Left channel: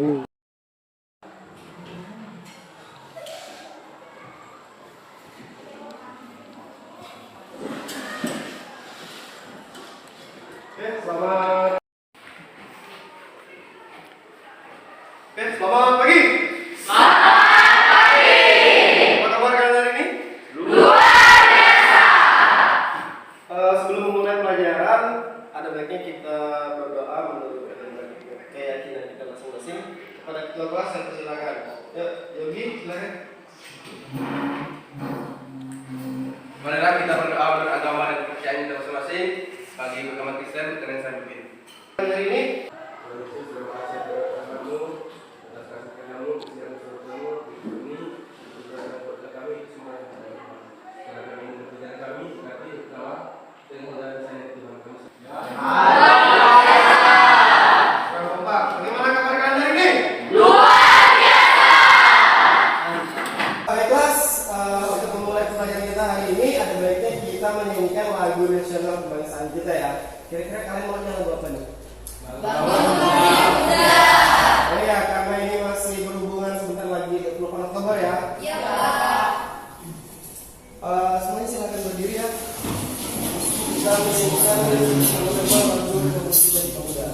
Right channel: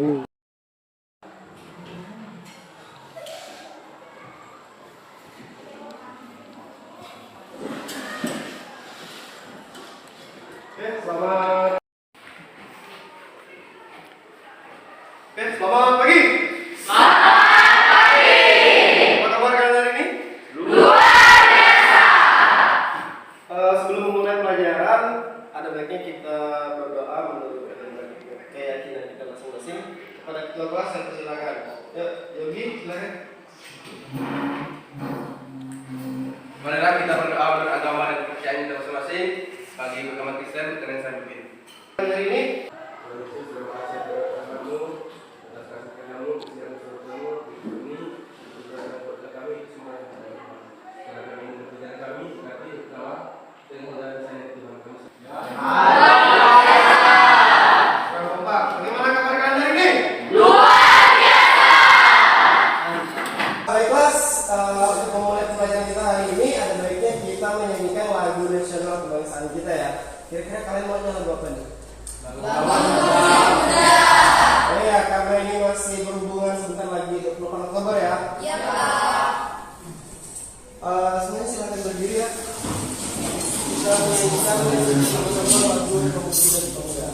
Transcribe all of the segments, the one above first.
tahu. Selamat pagi. Selamat pagi. Apa kabar kalian hari ini? Luar biasa. Sebelum memulai pelajaran, ada baiknya kita berdoa menurut keyakinan kita masing-masing. Kepada ketua kelas saya persilakan. Ya, Yogi, silakan. Marilah kita berdoa menurut agama dan kepercayaan kita masing-masing. Bagi agama Kristen, dengan saya pimpin. Hari ini menyanyikan lagu nasional kebangsaan kita ya. Kira-kira kalian mau nyanyi lagu apa nih? Oh ya, karena ini masih berhubungan sebentar lagi 28 Oktober ya. Iya, Pak. Semuanya silakan berdiri ya. Kita menyanyikan sama-sama lagu Kamu Sudah Dipemuda.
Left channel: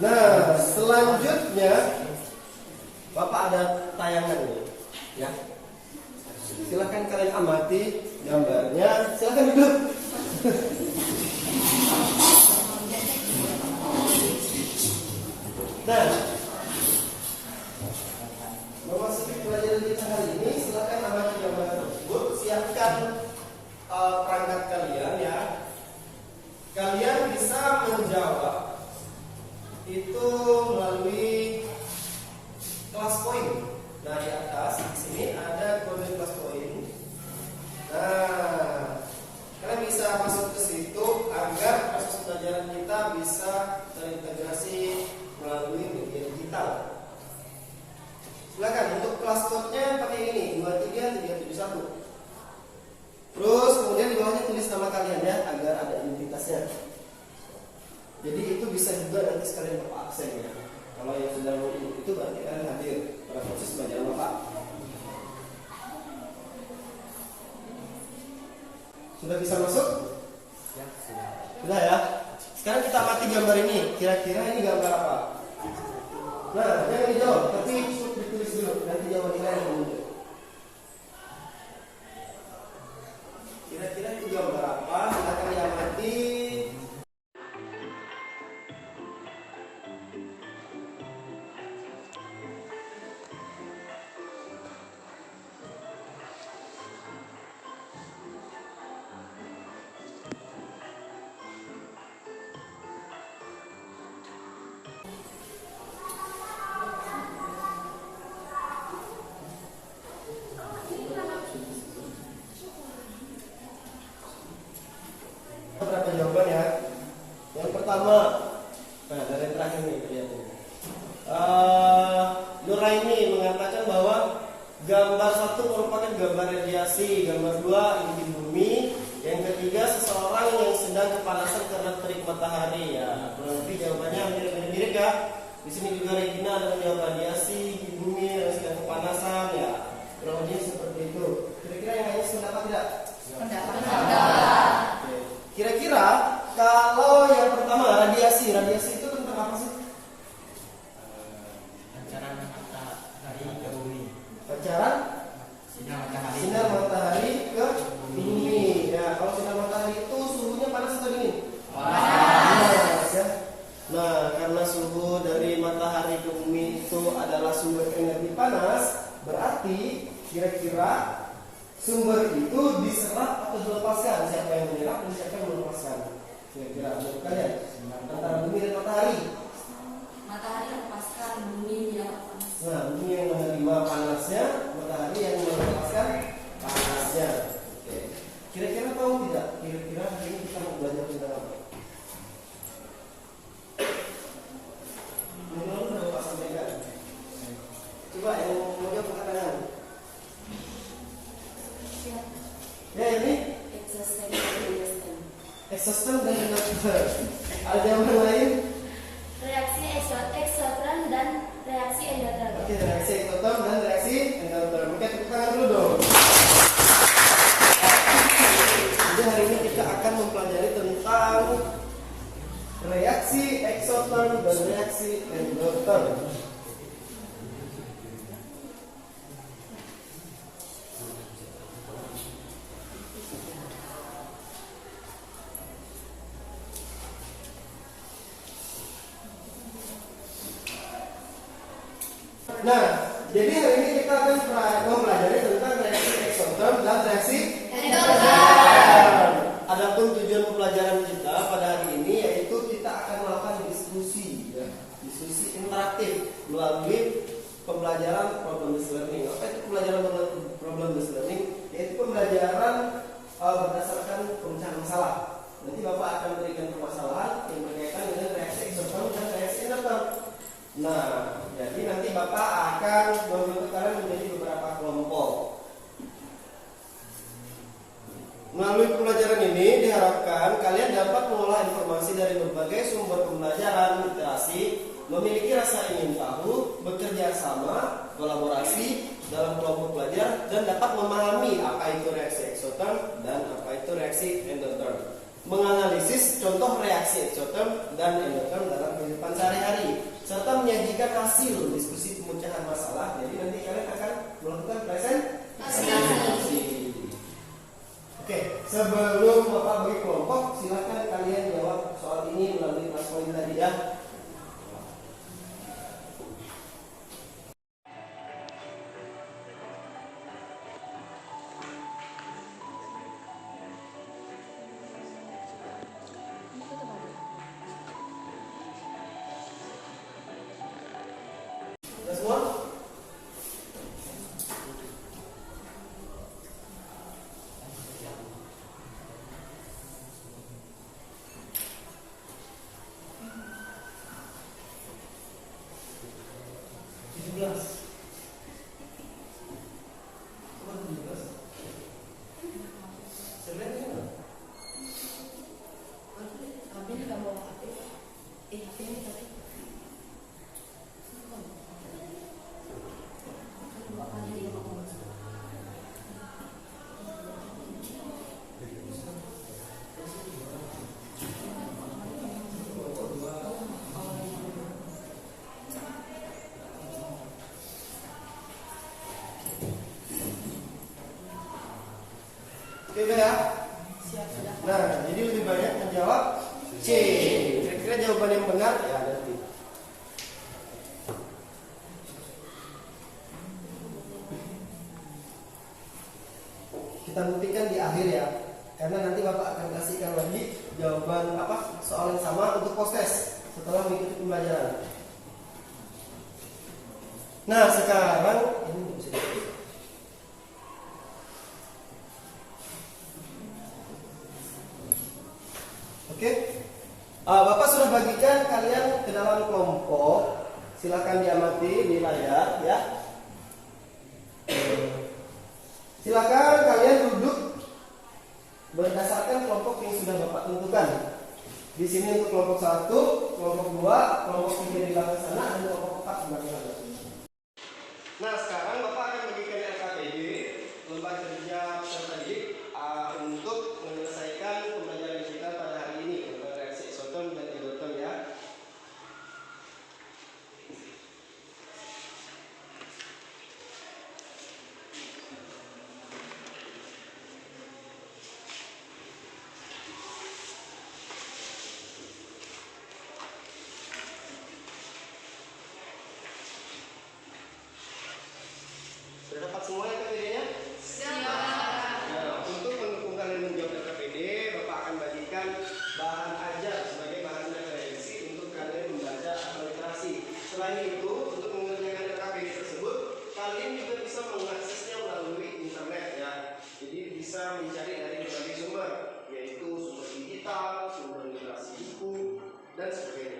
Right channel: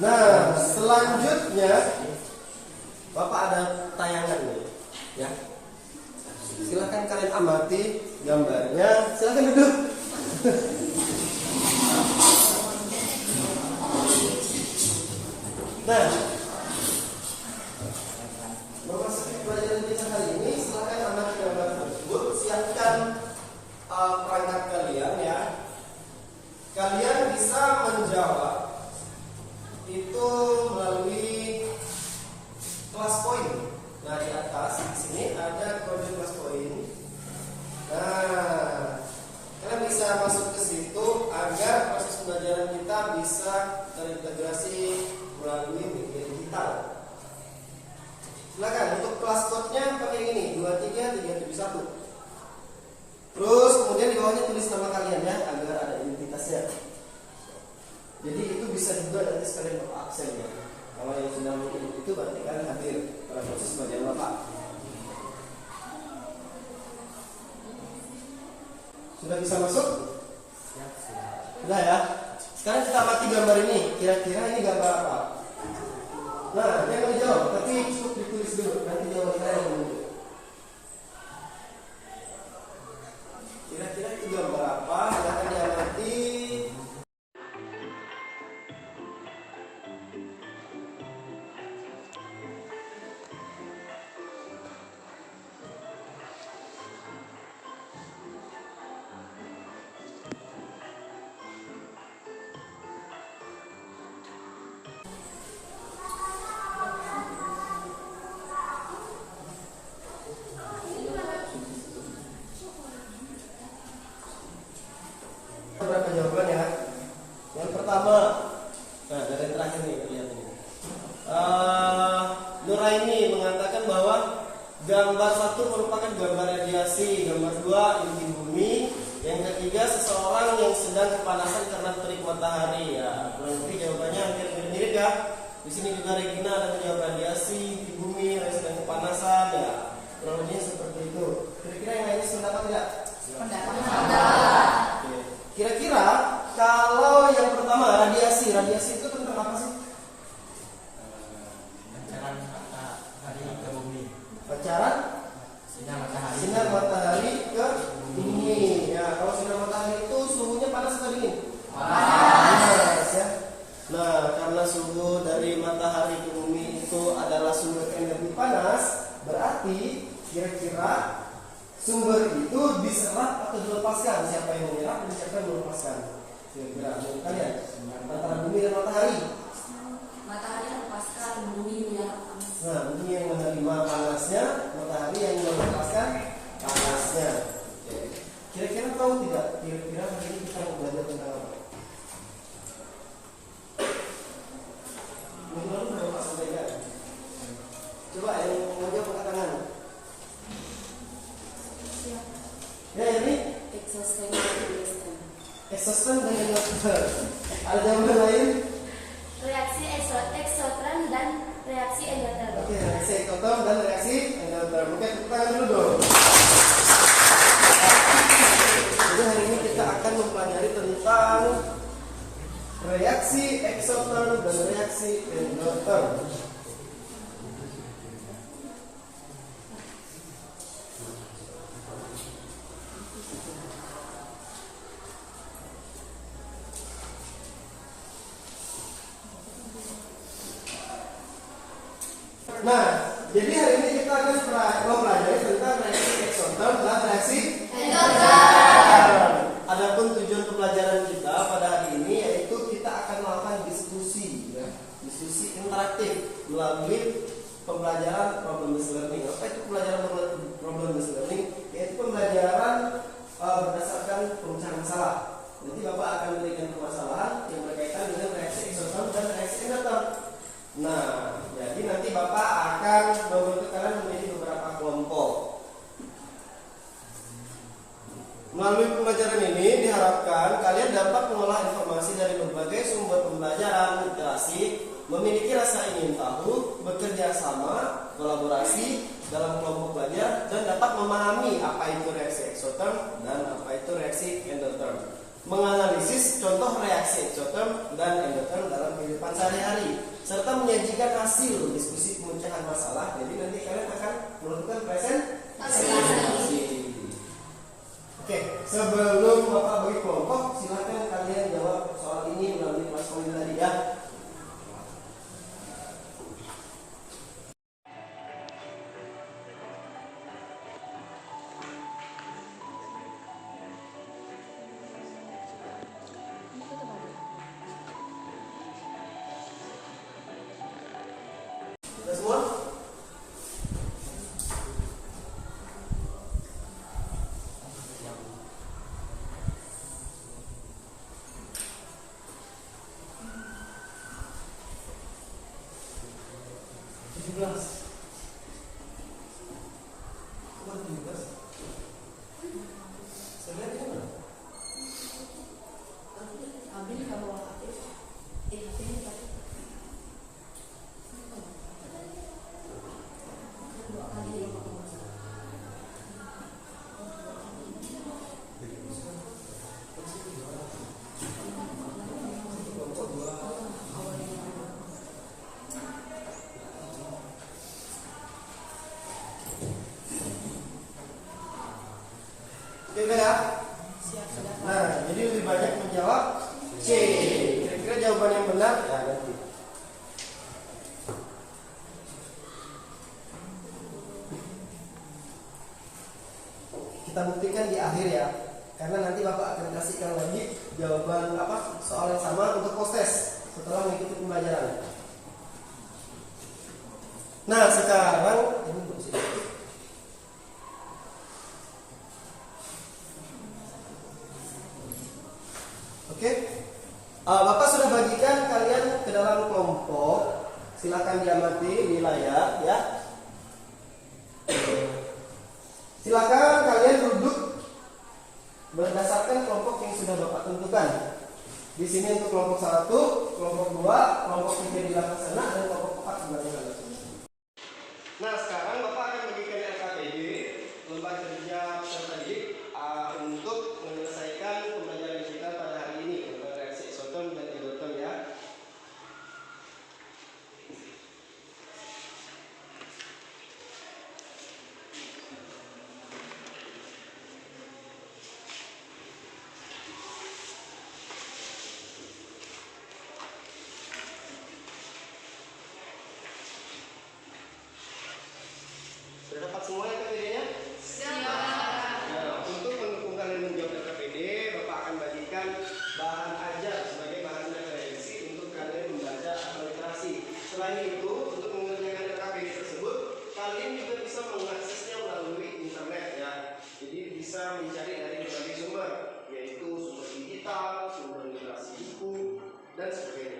Nah, selanjutnya Bapak ada tayangan nih, ya. Silahkan kalian amati gambarnya. Silahkan duduk. Nah, memasuki pelajaran kita hari ini, silahkan amati gambar tersebut. Siapkan perangkat kalian ya. Kalian bisa menjawab itu melalui kelas poin. Nah, di atas di sini ada kode kelas poin. Nah, kalian bisa masuk ke situ agar proses pembelajaran kita bisa terintegrasi melalui media digital. Silakan untuk kelas code-nya pakai ini 23371. Terus kemudian di bawahnya tulis nama kalian ya agar ada identitasnya. Jadi itu bisa juga nanti sekalian Bapak absen ya. Kalau yang sudah mengikuti itu berarti kalian hadir pada proses pelajaran Bapak. Sudah bisa masuk? Ya, sudah ya. Sekarang kita amati gambar ini. Kira-kira ini gambar apa? Nah, jangan dijawab, tapi cukup ditulis dulu. Nanti jawabannya yang muncul. Kira-kira itu gambar apa? Silahkan diamati. ketiga, seseorang yang sedang kepanasan karena terik matahari. Ya, kurang lebih jawabannya hampir mirip-mirip ya. Di sini juga Regina ada menjawab radiasi di bumi yang sedang kepanasan. Ya, kurang lebih seperti itu. Kira-kira yang lainnya sependapat tidak? Oke. Kira-kira kalau yang pertama radiasi itu tentang apa sih? Pancaran matahari ke bumi. Pancaran sinar matahari ke bumi. Ya, kalau sinar matahari itu suhunya panas atau dingin? Panas ya. Nah, karena suhu dari matahari ke bumi itu adalah sumber energi panas, berarti kira-kira sumber itu diserap atau dilepaskan? Siapa yang menyerap dan siapa yang melepaskan? Kira-kira menurut kalian antara bumi dan matahari? Matahari melepaskan, bumi yang panas. Nah, bumi yang menerima panasnya, matahari yang melepaskan panasnya. Oke. Kira-kira tahu tidak? Kira-kira hari ini kita mau belajar tentang apa? Minggu lalu udah Pak sampaikan. Coba yang mau jawab angkat tangan. Siap. Ya ini Exhaustion dan induction. exhaustion dan induction. Ada jawaban lain? Reaksi eksotron dan reaksi endotherm. Oke, reaksi eksotom dan reaksi endotherm. Oke, tepuk tangan dulu dong. Jadi hari ini kita akan mempelajari tentang reaksi eksotom dan reaksi endotherm. Nah, jadi hari ini kita akan mempelajari tentang reaksi eksotom dan reaksi endotherm. Adapun tujuan pembelajaran kita pada hari ini yaitu kita akan melakukan diskusi, ya. Diskusi interaktif melalui pembelajaran problem based learning. Apa itu pembelajaran problem based learning? Yaitu pembelajaran berdasarkan pemecahan masalah. Nanti Bapak akan berikan permasalahan yang berkaitan dengan reaksi eksotom dan reaksi endotherm. Nah, jadi nanti Bapak akan membentuk kalian menjadi beberapa kelompok. Melalui pembelajaran ini diharapkan kalian dapat mengolah informasi dari berbagai sumber pembelajaran literasi, memiliki rasa ingin tahu, bekerja sama, kolaborasi dalam kelompok belajar, dan dapat memahami apa itu reaksi eksoterm dan apa itu reaksi endotherm. Menganalisis contoh reaksi eksoterm dan endotherm dalam kehidupan sehari-hari, serta menyajikan hasil diskusi pemecahan masalah. Jadi nanti kalian akan melakukan presentasi. Oke, sebelum Bapak bagi kelompok, silakan kalian jawab soal ini melalui kelas online tadi ya. Sudah semua? Abin nggak bawa HP. HP-nya tadi. Dua kali dia bawa. Oke, udah ya? Siap sudah. Nah, jadi lebih banyak menjawab C. Kira-kira jawaban yang benar ya nanti. Kita buktikan di akhir ya. Karena nanti Bapak akan kasihkan lagi jawaban soal yang sama untuk post test setelah mengikuti pembelajaran. Nah, sekarang ini belum sih. Oke, Bapak sudah bagikan kalian ke dalam kelompok. Silakan diamati di layar ya. Silakan kalian duduk berdasarkan kelompok yang sudah Bapak tentukan. Di sini untuk kelompok 1, kelompok 2, kelompok 3 di belakang sana, dan kelompok 4 di belakang sana. Nah, sekarang Bapak akan bagikan LKPD, lembaga kerja peserta didik, untuk menyelesaikan pembelajaran kita pada hari ini tentang reaksi eksoterm dan endoterm ya. Sudah dapat semua LKPD-nya? Nah, untuk mendukung kalian menjawab LKPD, Bapak akan bagikan bahan ajar sebagai bahan referensi untuk kalian membaca atau literasi. Selain itu, untuk mengerjakan LKPD tersebut, kalian juga bisa mengaksesnya melalui internet ya. Jadi bisa mencari dari berbagai sumber, yaitu sumber digital, sumber literasi buku, dan sebagainya.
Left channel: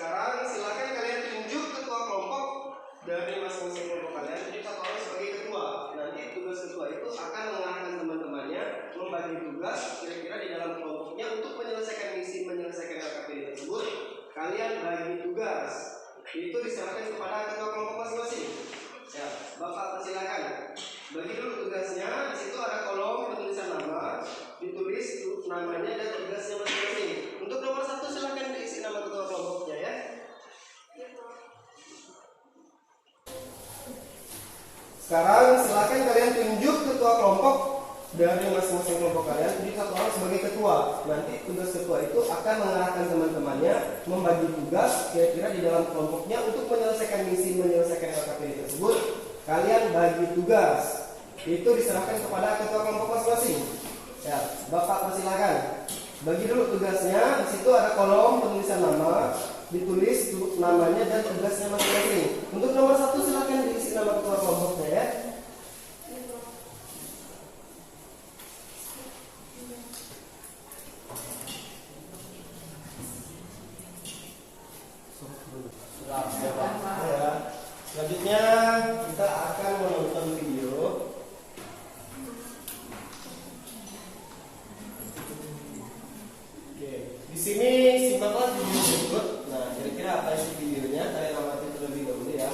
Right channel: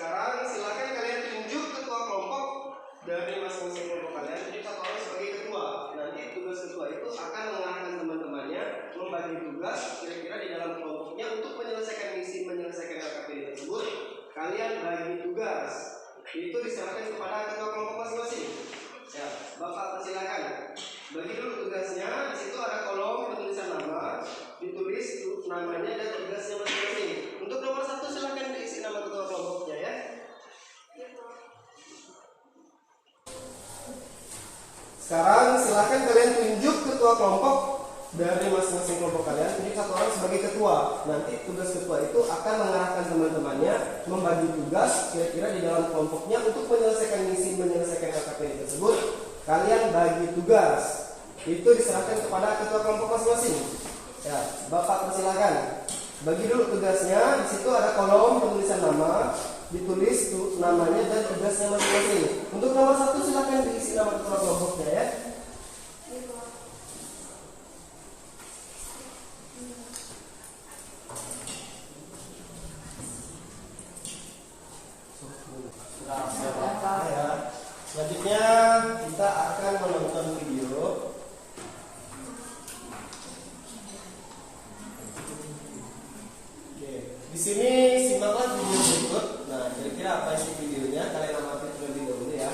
Sekarang silakan kalian tunjuk ketua kelompok dari masing-masing kelompok kalian. Tunjuk satu orang sebagai ketua. Nanti tugas ketua itu akan mengarahkan teman-temannya membagi tugas kira-kira di dalam kelompoknya untuk menyelesaikan misi, menyelesaikan LKPD tersebut. Kalian bagi tugas. Itu diserahkan kepada ketua kelompok masing-masing. Ya, Bapak persilakan. Bagi dulu tugasnya. Di situ ada kolom penulisan nama, ditulis namanya dan tugasnya masing-masing. Untuk nomor 1 silakan diisi nama ketua kelompoknya ya. Sekarang silakan kalian tunjuk ketua kelompok dari masing-masing kelompok kalian. Tunjuk satu orang sebagai ketua. Nanti tugas ketua itu akan mengarahkan teman-temannya membagi tugas kira-kira di dalam kelompoknya untuk menyelesaikan misi, menyelesaikan LKPD tersebut. Kalian bagi tugas. Itu diserahkan kepada ketua kelompok masing-masing. Ya, Bapak persilakan. Bagi dulu tugasnya. Di situ ada kolom penulisan nama, ditulis namanya dan tugasnya masing-masing. Untuk nomor 1 silakan diisi nama ketua kelompoknya ya. Ya. Selanjutnya kita akan menonton video. Di sini simaklah video berikut. Nah, kira-kira apa sih videonya? Kalian amati terlebih dahulu ya.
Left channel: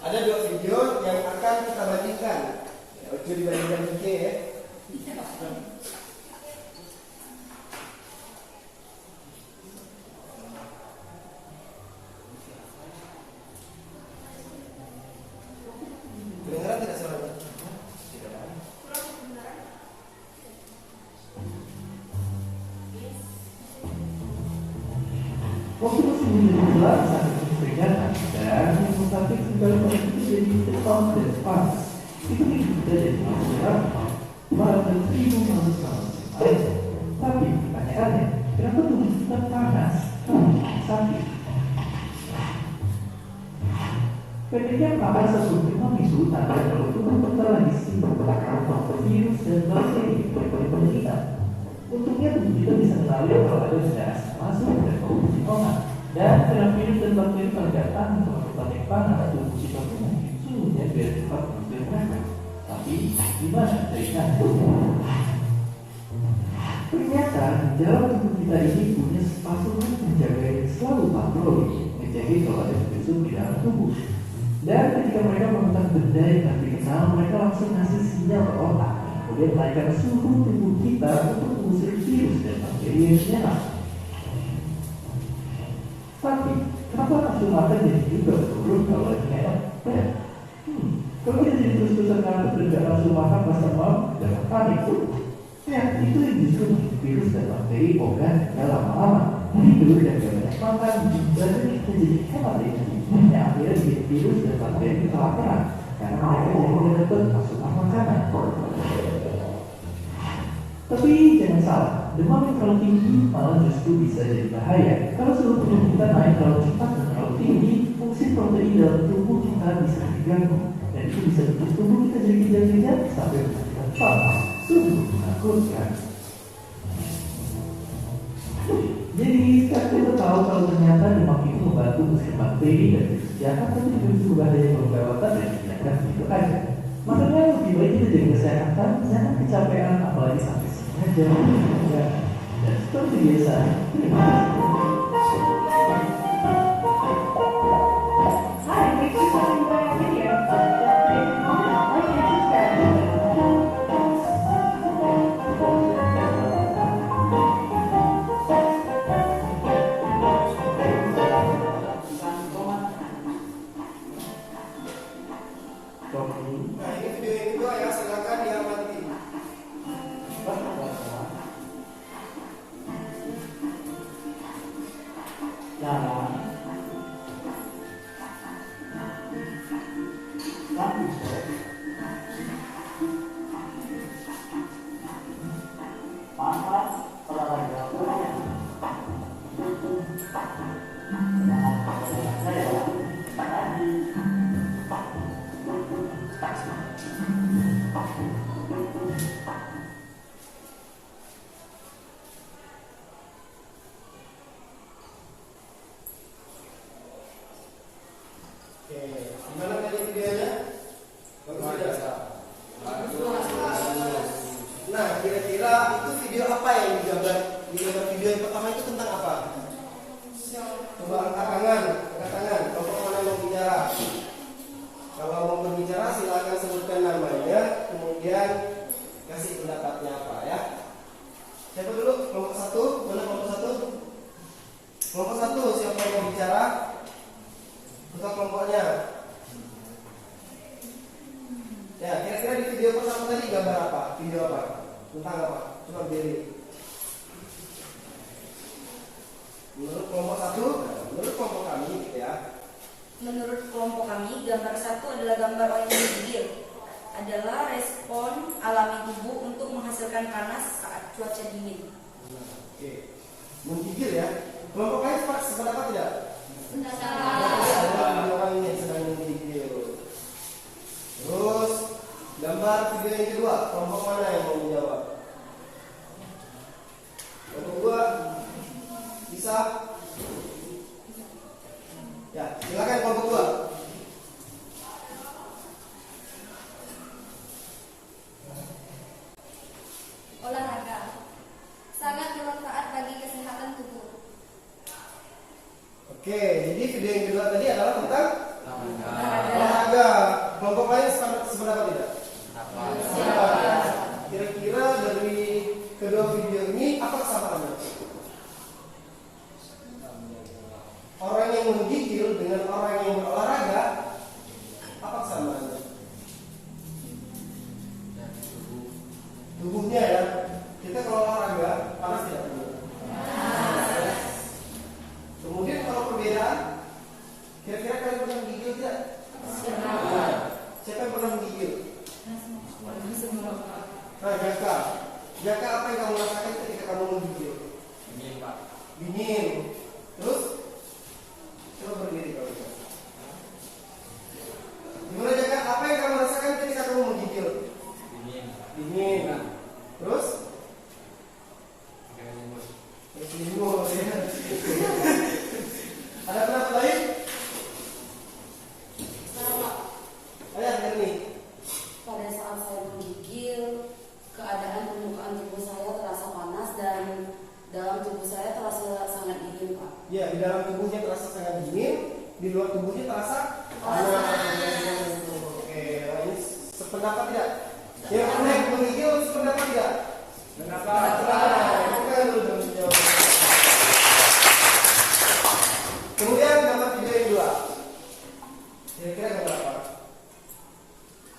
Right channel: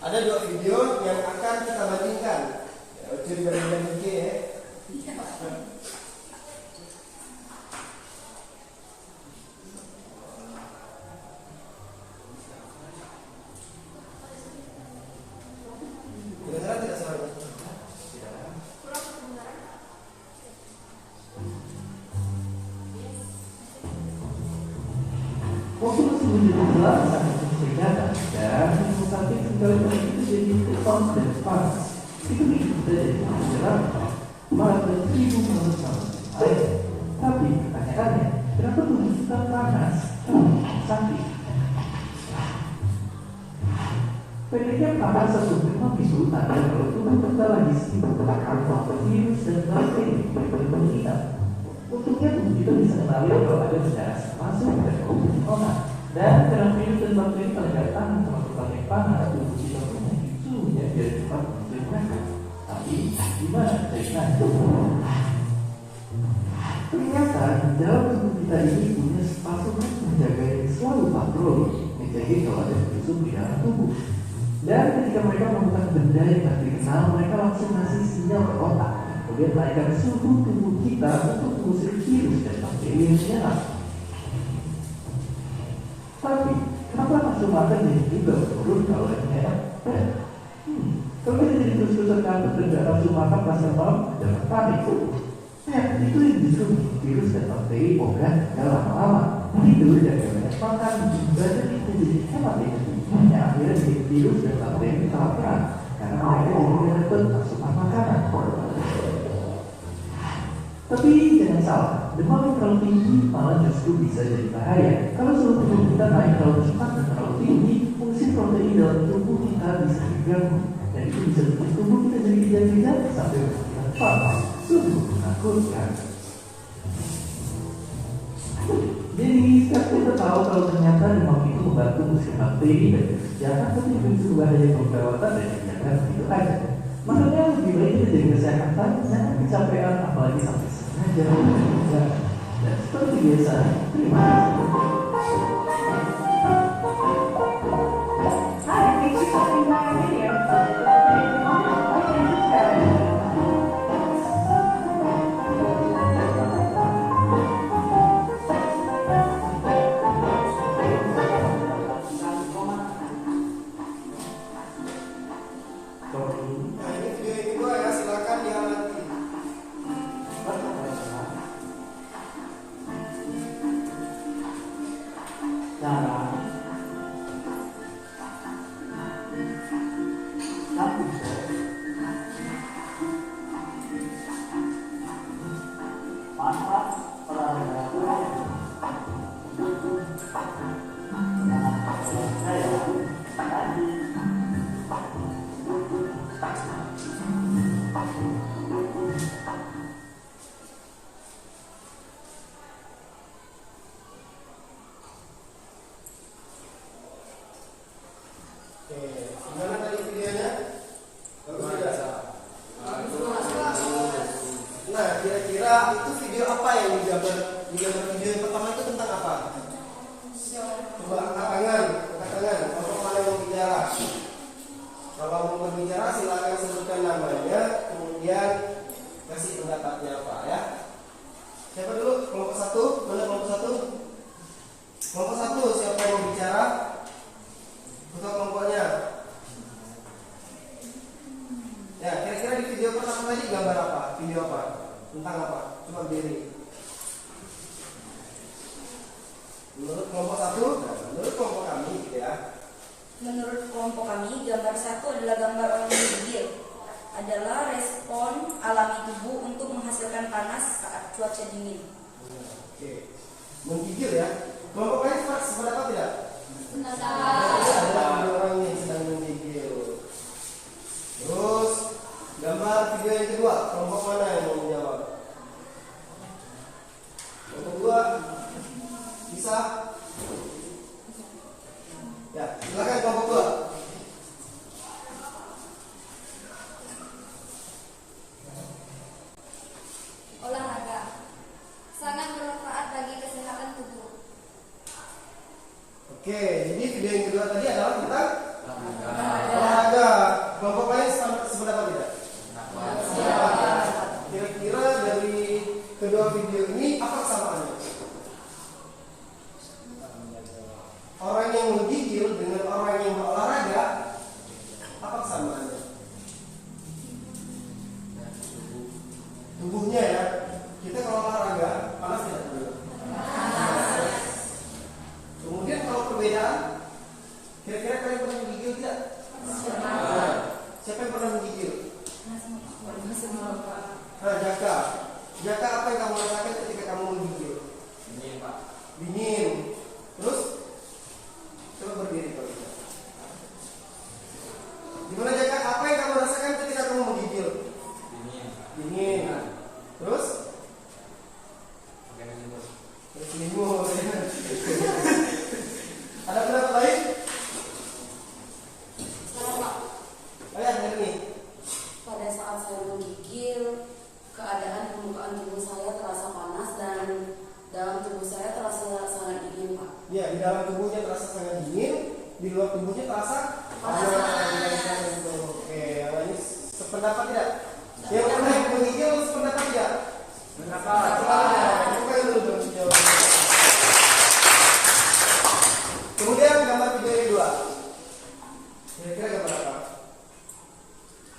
Ada 2 video yang akan kita bandingkan. Oke, dibandingkan juga ya. Kedengaran tidak suaranya? Waktu masih menjelang saat itu peringatan dan rumah sakit segala macam itu jadi depan dan panas. Itu kita jadi berapa? Malah dan 1.000 tahun air. Tapi aneh-aneh, kenapa tubuh kita panas? Sakit. Pendeknya panas sesungguhnya memicu tanda kalau tubuh kita lagi sibuk atau virus dan bakteri berpengaruh. Untungnya tubuh kita bisa mengenali kalau ada gas masuk dan produksi obat. Dan dalam virus dan bakteri pada datang untuk melakukan yang panas, tubuh kita menaiki suhunya biar cepat menceritakan. Tapi gimana ceritanya? Ternyata di dalam tubuh kita ini punya pasukan penjaga yang selalu patroli, menjaga kalau ada musuh di dalam tubuh. Dan ketika mereka melakukan benda yang tak dikenal, mereka langsung ngasih sinyal ke otak. Kemudian naikkan suhu tubuh kita untuk mengusir virus dan bakteri yang menyerang. Tapi, kenapa nafsu makan jadi juga turun kalau lagi enak? Kalau dia jadi terus-terusan kantuk dan gak nafsu makan rasa mau, jangan panik. Ya, itu yang justru virus dan bakteri organ gak lama-lama. Tidur dan gak banyak makan, berarti kita jadi hemat energi. Hanya akhirnya bikin virus dan bakteri kita laparan, karena mereka jadi menyerempet asupan makanan. Tapi jangan salah, demam yang terlalu tinggi malah justru bisa jadi bahaya. Kalau seluruh tubuh kita naik terlalu cepat dan terlalu tinggi, fungsi protein dalam tubuh kita bisa diganggu. Dan itu bisa bikin tubuh kita jadi kejang-kejang sampai mematikan parah. Sungguh menakutkan. Jadi sekarang kita tahu kalau ternyata demam itu membantu mengusir bakteri dan virus jahat, tapi juga itu berbahaya kalau kelewatan dan ternyata begitu aja. Makanya lebih baik kita jaga kesehatan, jangan kecapean, apalagi sampai sengaja. Ya, dan seperti biasa, terima kasih. Hi, thanks for stopping by our video. Like and subscribe. Nah, ini video yang kedua ya, silakan diamati. Oke, gimana tadi videonya? Bagus tidak? Nah, kira-kira itu video apa yang digambar? Digambar video yang pertama itu tentang apa? Coba angkat tangan, kelompok mana yang bicara? Kalau mau berbicara silakan sebutkan namanya, kemudian kasih pendapatnya apa ya. Siapa dulu? Kelompok satu, mana kelompok satu? Kelompok satu, siapa yang mau bicara? Buka kelompoknya. Ya, kira-kira di video pertama tadi gambar apa? Video apa? Tentang apa? Coba berdiri. Menurut kelompok satu, menurut kelompok kami gitu ya. Menurut kelompok kami, gambar satu adalah gambar orang yang menggigil. Adalah respon alami tubuh untuk menghasilkan panas saat cuaca dingin. Oke. Menggigil ya. Kelompok kalian sependapat tidak? Pendapat. Ada orang yang sedang menggigil. Terus gambar video yang kedua, kelompok mana yang mau menjawab? Kelompok dua bisa? Ya, silakan kelompok dua. Olahraga sangat bermanfaat bagi kesehatan tubuh. Oke, jadi video yang kedua tadi adalah tentang olahraga. Kelompok lain sependapat tidak? Kira-kira dari kedua video ini apa kesamaannya? Orang yang menggigil dengan orang yang berolahraga, apa kesamaannya? Tubuhnya ya. Kita kalau olahraga panas tidak? Kemudian kalau perbedaan, kira-kira kalian pernah menggigil tidak? Siapa yang pernah menggigil? Nah, Jaka. Jaka, apa yang kamu rasakan ketika kamu menggigil? Dingin, Pak. Dingin. Terus? Coba berdiri kalau gitu. Gimana Jaka? Apa yang kamu rasakan ketika kamu menggigil? Dingin, Pak. Dingin. Terus? Kayak selimut. Selimut ya. Ada pendapat lain? Ayo nih. Pada saat saya menggigil, keadaan permukaan tubuh saya terasa panas dan dalam tubuh saya terasa sangat dingin, Pak. Ya, di dalam tubuhnya terasa sangat dingin, di luar tubuhnya terasa panas. Oke, ini sependapat tidak? Yang pernah menggigil sependapat tidak? Sependapat. Coba yang dulu dong jawab. Kemudian gambar video yang kedua. Kira-kira gambar apa?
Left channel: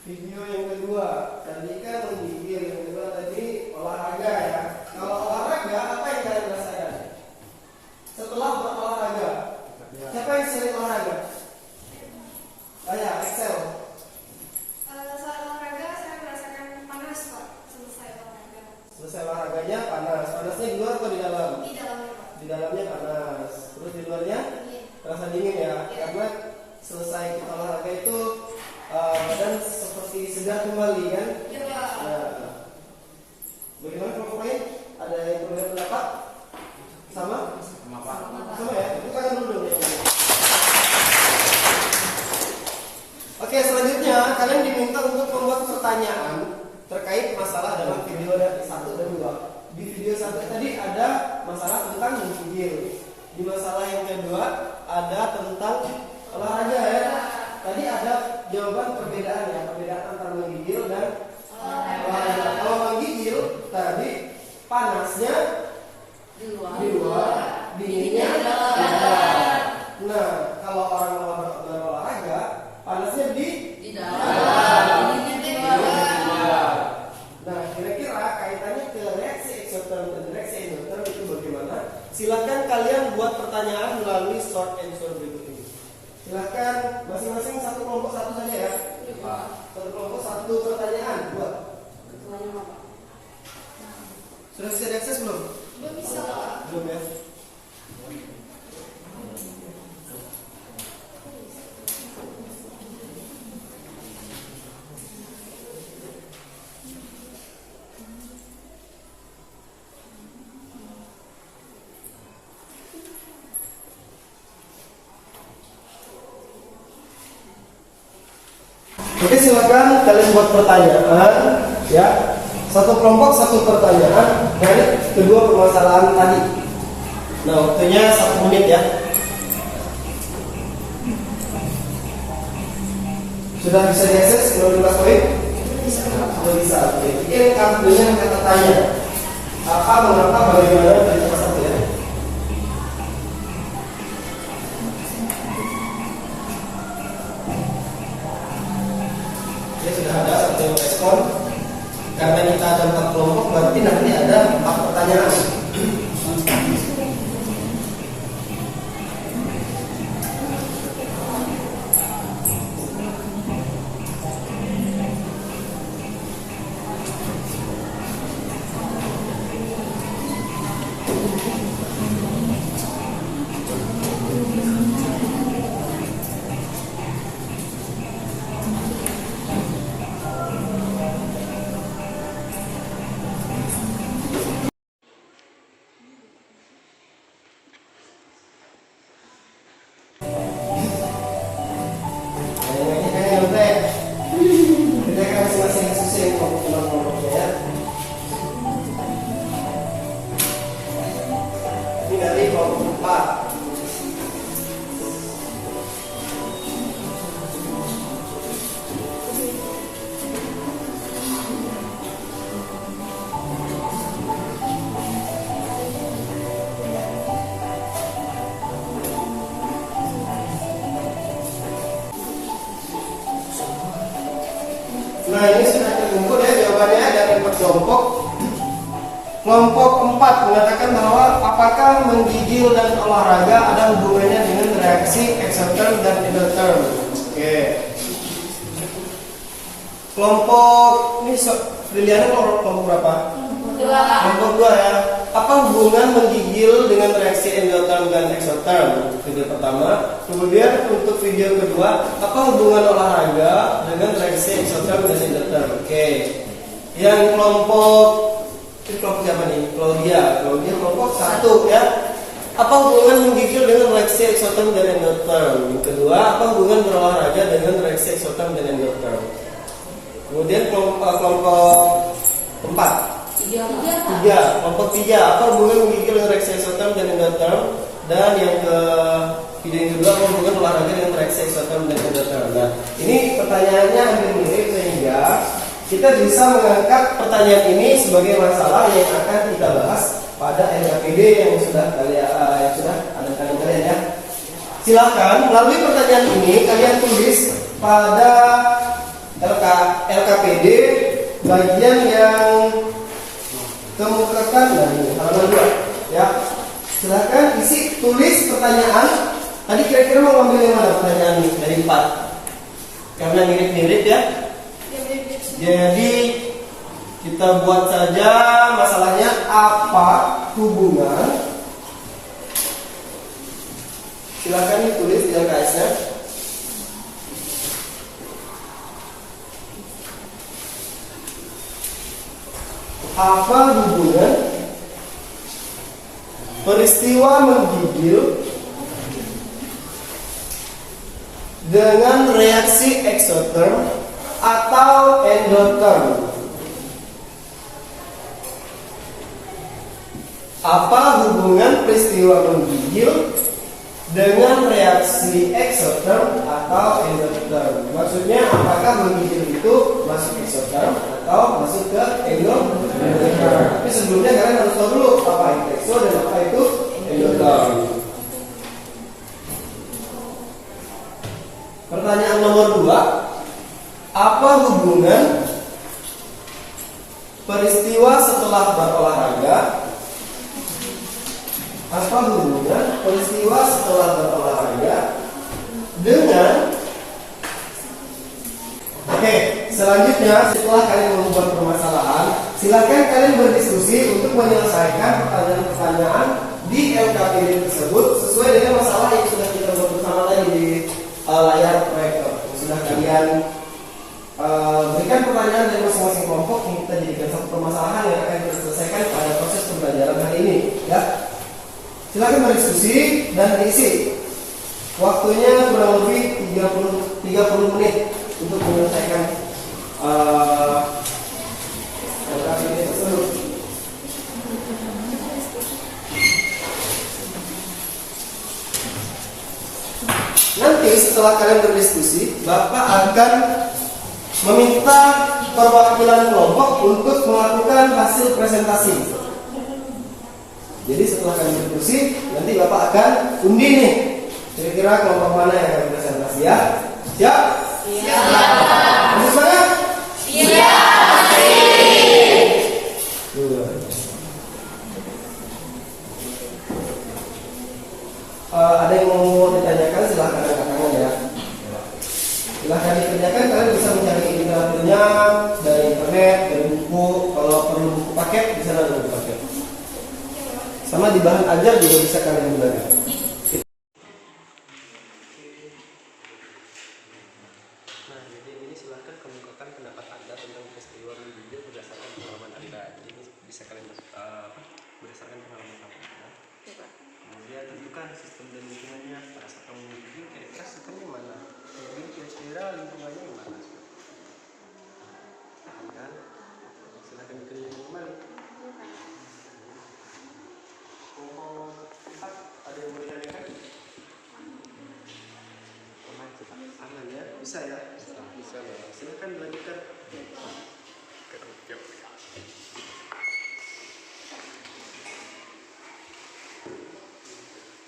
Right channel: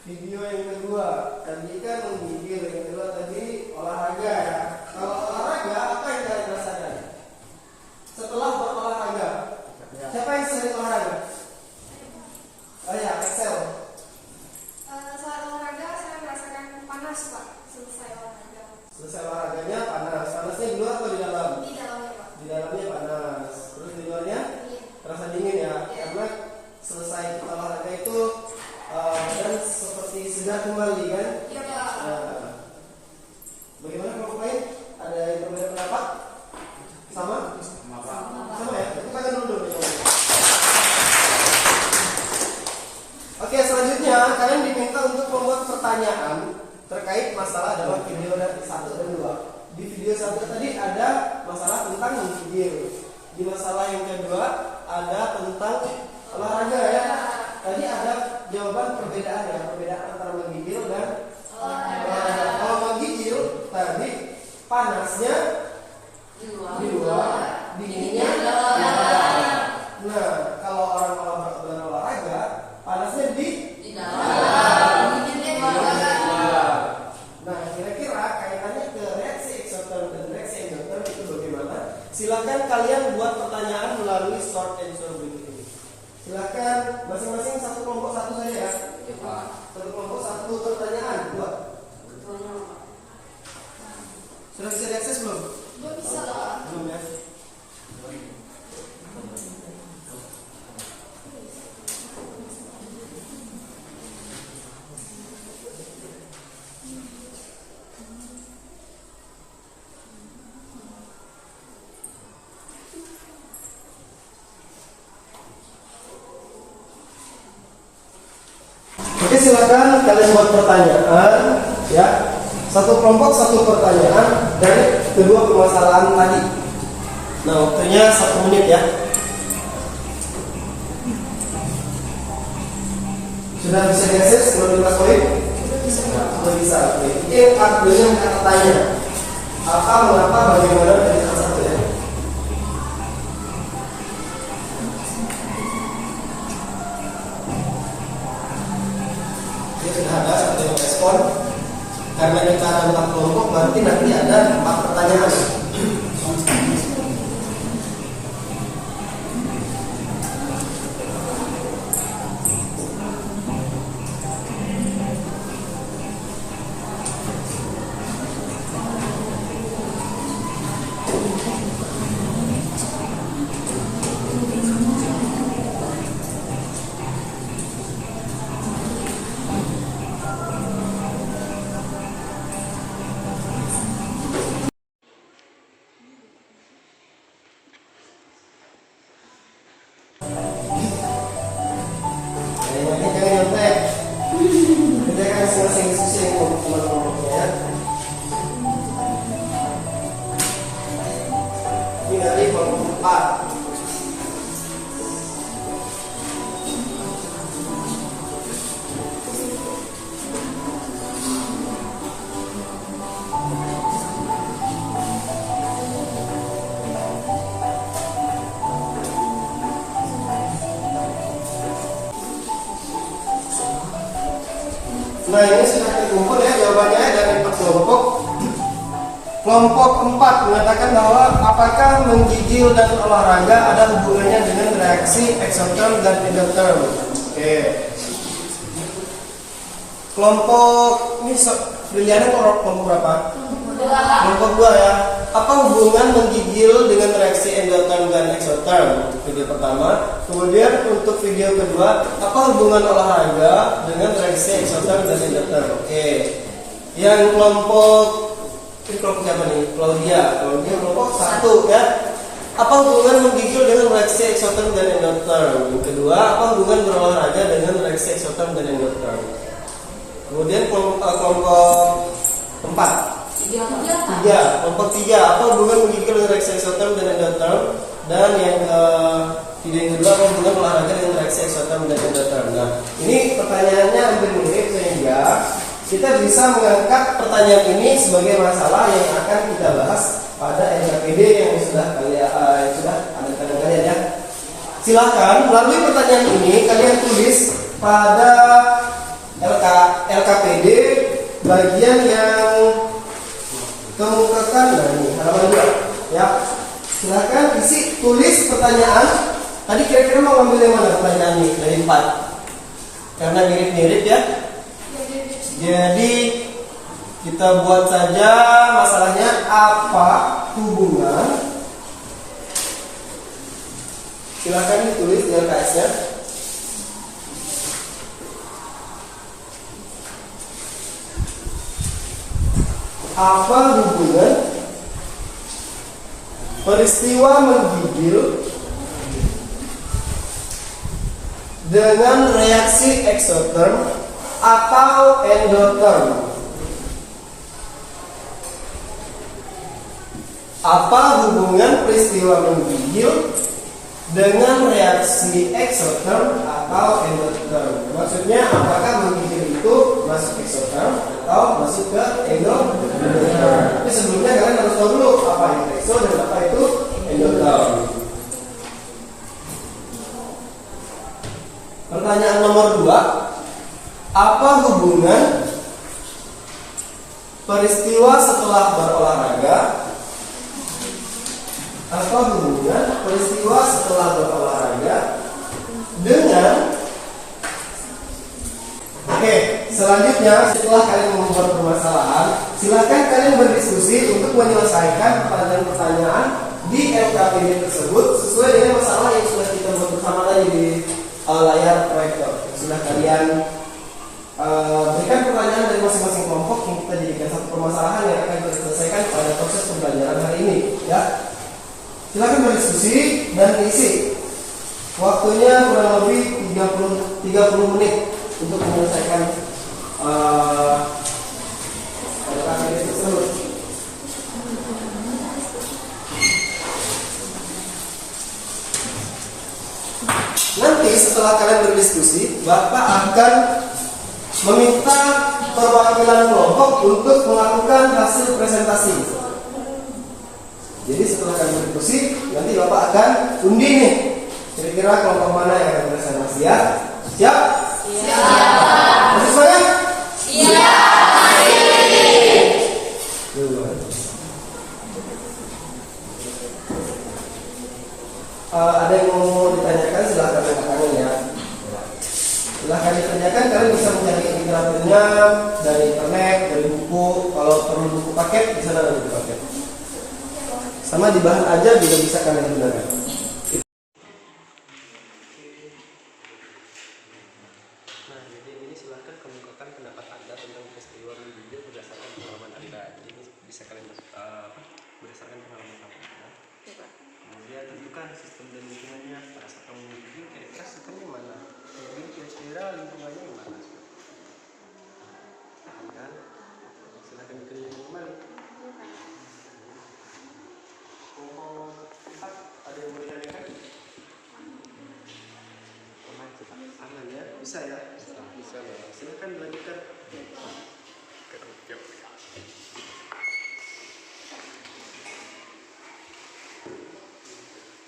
Video yang kedua, tadi kan menggigil, yang kedua tadi olahraga ya. Kalau olahraga, apa yang kalian rasakan? Setelah berolahraga, siapa yang sering olahraga? Oh ya, Excel. Saat olahraga saya merasakan panas, Pak. Selesai olahraga. Selesai olahraganya panas. Panasnya di luar atau di dalam? Di dalamnya, Pak. Di dalamnya panas. Terus di luarnya Dingin. terasa dingin ya. Karena selesai kita olahraga itu badan seperti segar kembali kan? Iya, Pak. Nah, bagaimana kelompok lain? Ada yang berbeda pendapat? Sama video satu tadi ada masalah tentang menggigil. Di masalah yang kedua ada tentang olahraga ya. Tadi ada jawaban perbedaan ya, perbedaan antara menggigil dan olahraga. Kalau menggigil tadi panasnya di luar, dinginnya di dalam. Nah, kalau orang olahraga panasnya di dalam, dinginnya di luar. Nah, kira-kira kaitannya ke reaksi eksoterm dan reaksi endotherm itu bagaimana? Silakan kalian buat pertanyaan melalui short answer berikut ini. Silakan masing-masing satu kelompok satu saja ya. Satu kelompok satu pertanyaan buat. Sudah bisa diakses belum? Belum bisa, Pak. Belum ya. Oke, silakan kalian buat pertanyaan ya. Satu kelompok satu pertanyaan dari kedua permasalahan tadi. Nah, waktunya 1 menit ya. Sudah bisa diakses 15 poin? Sudah bisa. Oke. Ini dengan kata tanya. Apa, mengapa, bagaimana dari salah satu ya. Ya sudah ada satu yang respon. Karena kita ada 4 kelompok, berarti nanti ada 4 pertanyaan. Nah, ini sudah terkumpul ya jawabannya dari 4 kelompok. Kelompok 4 mengatakan bahwa apakah menggigil dan olahraga ada hubungannya dengan reaksi eksoterm dan endotherm. Oke. Kelompok ini Briliana kelompok berapa? Kelompok 2 ya. Apa hubungan menggigil dengan reaksi endotherm dan eksoterm? Video pertama. Kemudian untuk video kedua, apa hubungan olahraga dengan reaksi eksoterm dan endotherm? Oke. Yang kelompok ini kelompok siapa nih? Claudia kelompok 1 ya. Apa hubungan menggigil dengan reaksi eksoterm dan endotherm? Yang kedua, apa hubungan berolahraga dengan reaksi eksoterm dan endotherm? Kemudian kelompok 4. 3, kelompok 3, apa hubungan menggigil dengan reaksi eksoterm dan endotherm? Dan yang ke video yang kedua, apa hubungan olahraga dengan reaksi eksoterm dan endotherm? Nah, ini pertanyaannya hampir mirip sehingga kita bisa mengangkat pertanyaan ini sebagai masalah yang akan kita bahas pada LKPD yang sudah ada di tangan kalian ya. Silakan melalui pertanyaan ini kalian tulis pada LKPD bagian yang kemukakan, nah ini halaman 2 ya. Silakan isi tulis pertanyaan. Tadi kira-kira mau ngambil yang mana pertanyaan ini dari 4? Karena mirip-mirip ya. Jadi kita buat saja masalahnya apa hubungan. Silakan ditulis di LKS-nya. Apa hubungan peristiwa menggigil dengan reaksi eksoterm atau endotherm? Apa hubungan peristiwa menggigil dengan reaksi exotherm atau endotherm? Maksudnya apakah menggigil itu masuk exotherm atau masuk ke endotherm? Tapi sebelumnya kalian harus tahu dulu apa itu exo dan apa itu endotherm. Pertanyaan nomor 2, apa hubungan peristiwa setelah berolahraga? Apa hubungan peristiwa setelah berolahraga dengan selanjutnya setelah kalian membuat permasalahan, silakan kalian berdiskusi untuk menyelesaikan pertanyaan-pertanyaan di LKPD tersebut sesuai dengan masalah yang sudah kita buat bersama tadi di layar proyektor. Sudah kalian berikan pertanyaan dari masing-masing kelompok yang kita jadikan satu permasalahan yang akan kita selesaikan pada proses pembelajaran hari ini, ya. Silakan berdiskusi dan diisi. Waktunya kurang lebih 30 menit untuk menyelesaikan LKPD tersebut. Nanti setelah kalian berdiskusi, Bapak akan meminta perwakilan kelompok untuk melakukan hasil presentasi. Jadi setelah kalian berdiskusi, nanti Bapak akan undi nih, kira-kira kelompok mana yang akan presentasi, ya? Siap? Siap. Masih semangat? Siap. Ada yang mau ditanyakan, silahkan tangan ya. Silahkan ditanyakan, kalian bisa mencari literaturnya dari internet, dari buku. Kalau perlu buku paket, di sana ada buku paket. Sama di bahan ajar juga bisa kalian gunakan. Nah, jadi ini silahkan kemukakan pendapat Anda tentang peristiwa menggigil berdasarkan pengalaman Anda. Jadi bisa kalian berdasarkan pengalaman kamu. Kemudian tentukan sistem dan lingkungannya pada saat kamu menggigil, kira-kira sistemnya mana? Jadi kira-kira lingkungannya yang mana? Kan? Silahkan dikerjain kembali. Ada yang mau ditanyakan? Aman ya? Bisa ya? Bisa ya. Silahkan dilanjutkan.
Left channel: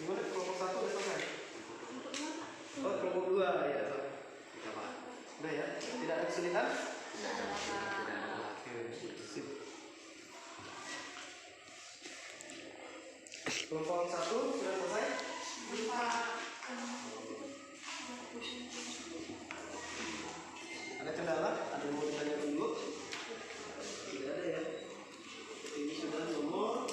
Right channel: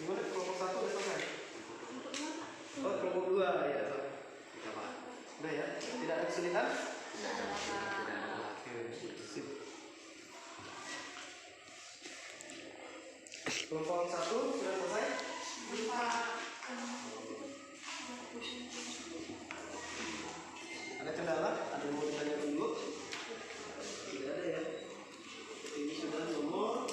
Gimana kelompok 1 udah selesai? Oh, kelompok 2 ya. Udah ya? Tidak ada kesulitan? Tidak ada. Oke, sip. Kelompok 1 sudah selesai? Ada kendala? Ada yang mau ditanyakan dulu? Tidak ada ya? Ini sudah nomor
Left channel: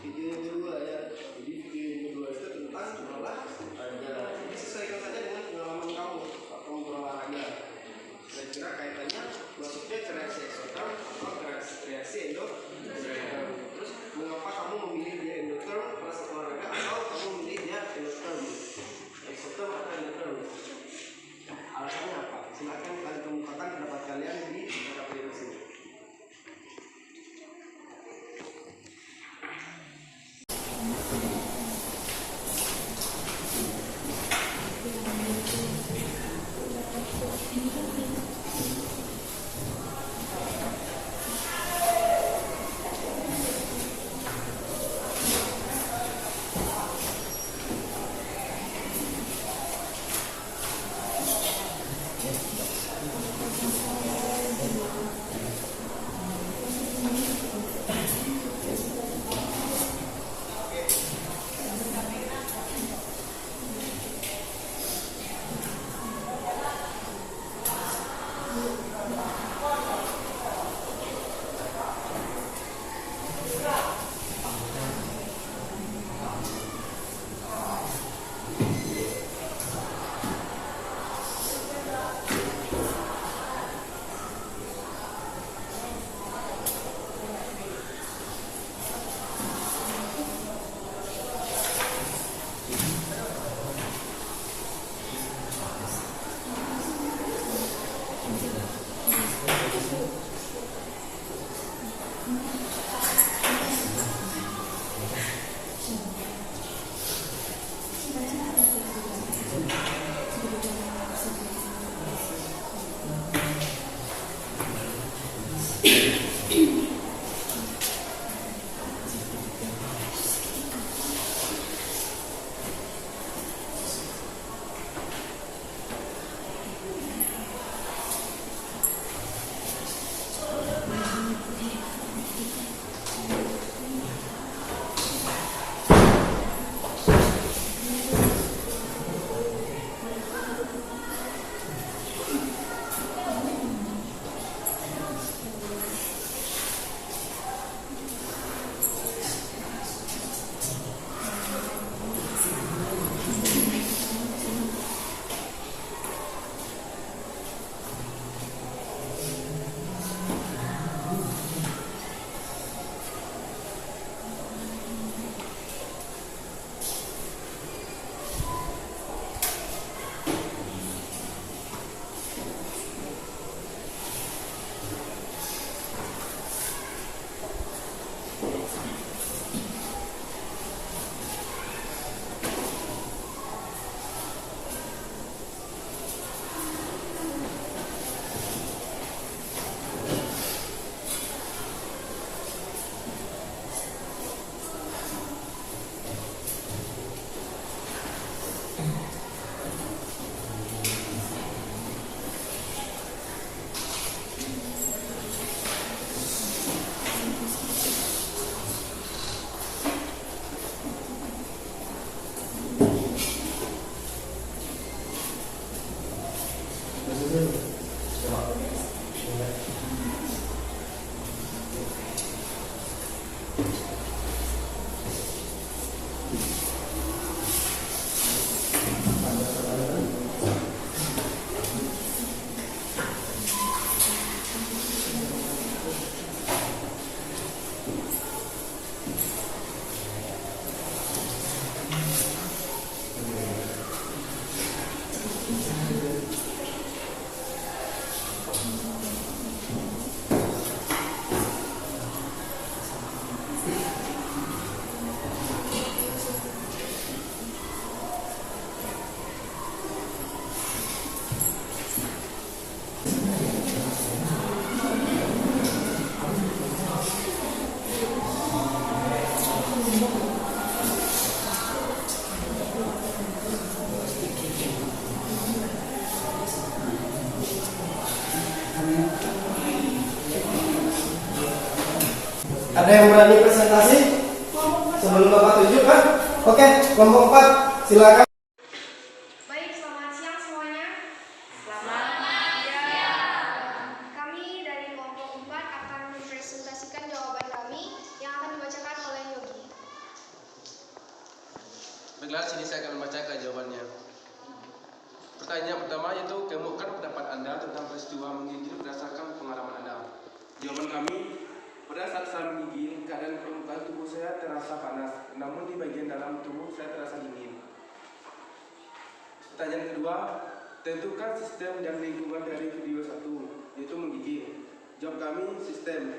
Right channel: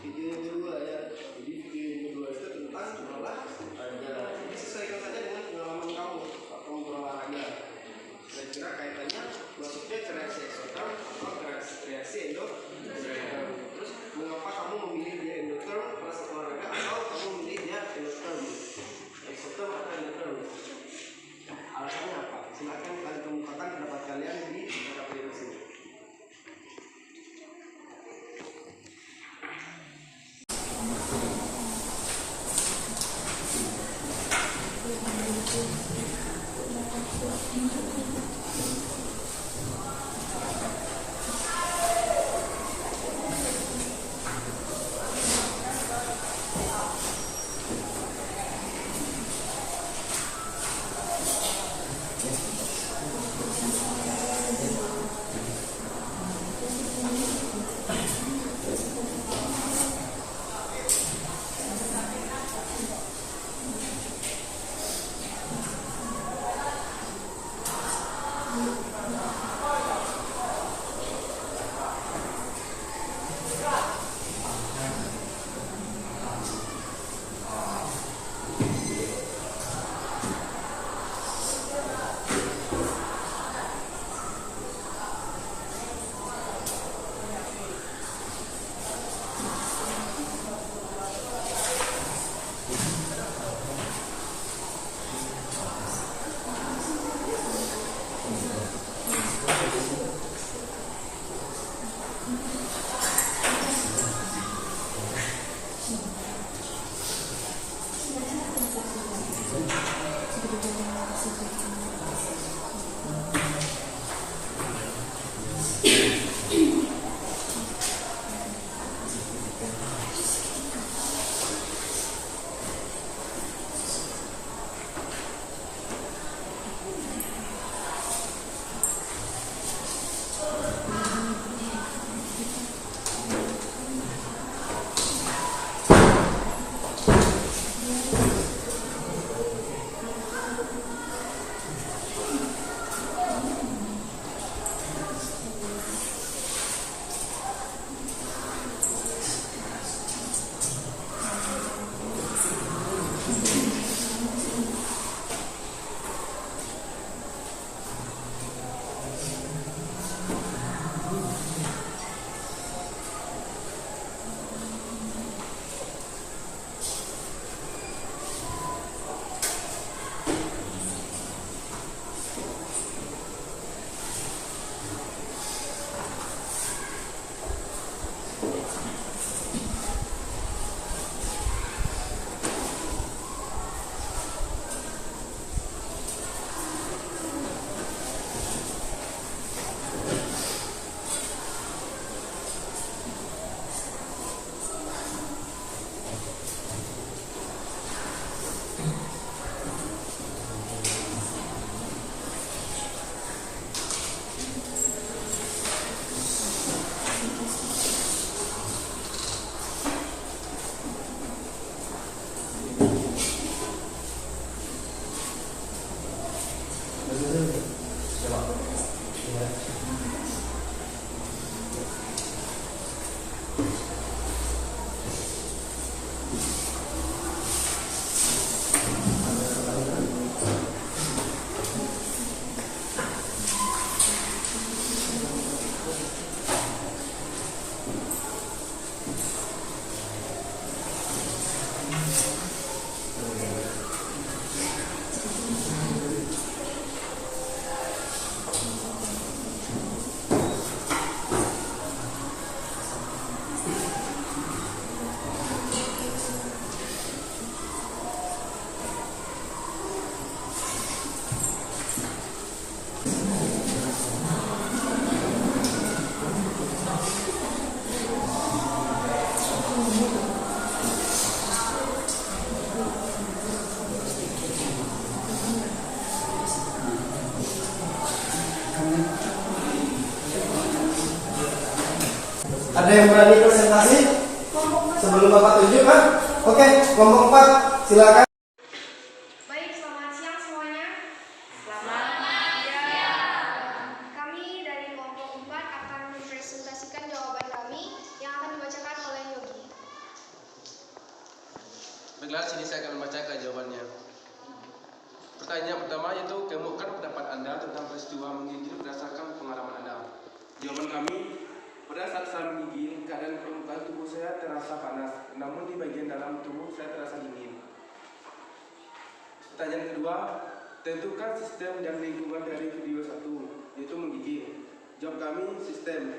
video yang kedua ya. Jadi video yang kedua itu tentang olahraga. Ini sesuaikan saja dengan pengalaman kamu saat kamu berolahraga. Kira-kira kaitannya masuknya ke reaksi exotherm atau ke reaksi endotherm. Terus mengapa kamu memilih dia endotherm pada saat olahraga atau kamu memilih dia endotherm, exotherm atau endotherm? Alasannya apa? Silakan kalian kemukakan pendapat kalian di LKPD tersebut. Ada yang berani presentasi? Sebelum Bapak tunjuk kan? Oke, kelompok 4 silakan. Baik, selamat siang semuanya. Kami dari kelompok 4 akan mempresentasikan jawaban kami yang akan dibacakan oleh Yogi. Baiklah, sini saya akan membacakan jawabannya. Pertanyaan pertama yaitu kemukakan pendapat Anda tentang peristiwa menggigil berdasarkan pengalaman Anda. Jawaban kami, pada saat saya menggigil, keadaan permukaan tubuh saya terasa panas, namun di bagian dalam tubuh saya terasa dingin. Pertanyaan kedua, tentukan sistem dan lingkungan dari video 1, yaitu menggigil. Jawab kami, sistem,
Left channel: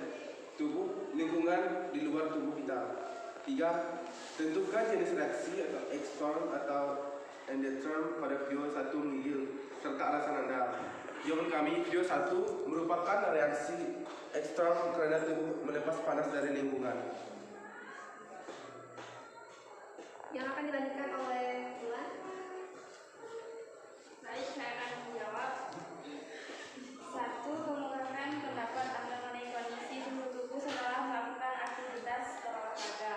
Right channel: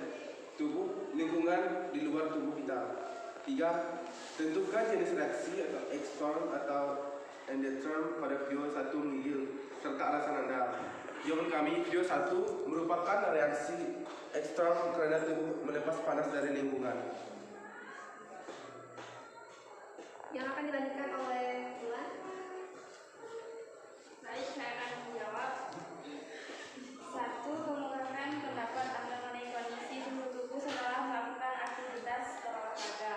tubuh, lingkungan di luar tubuh kita. 3. Tentukan jenis reaksi atau ekstern atau endotherm pada video 1 menggigil, serta alasan Anda. Jawaban kami, video 1 merupakan reaksi ekstern karena tubuh melepas panas dari lingkungan. Yang akan dilanjutkan oleh Tuan. Baik, saya akan menjawab. 1. Kemukakan pendapat Anda mengenai kondisi suhu tubuh setelah melakukan aktivitas berolahraga.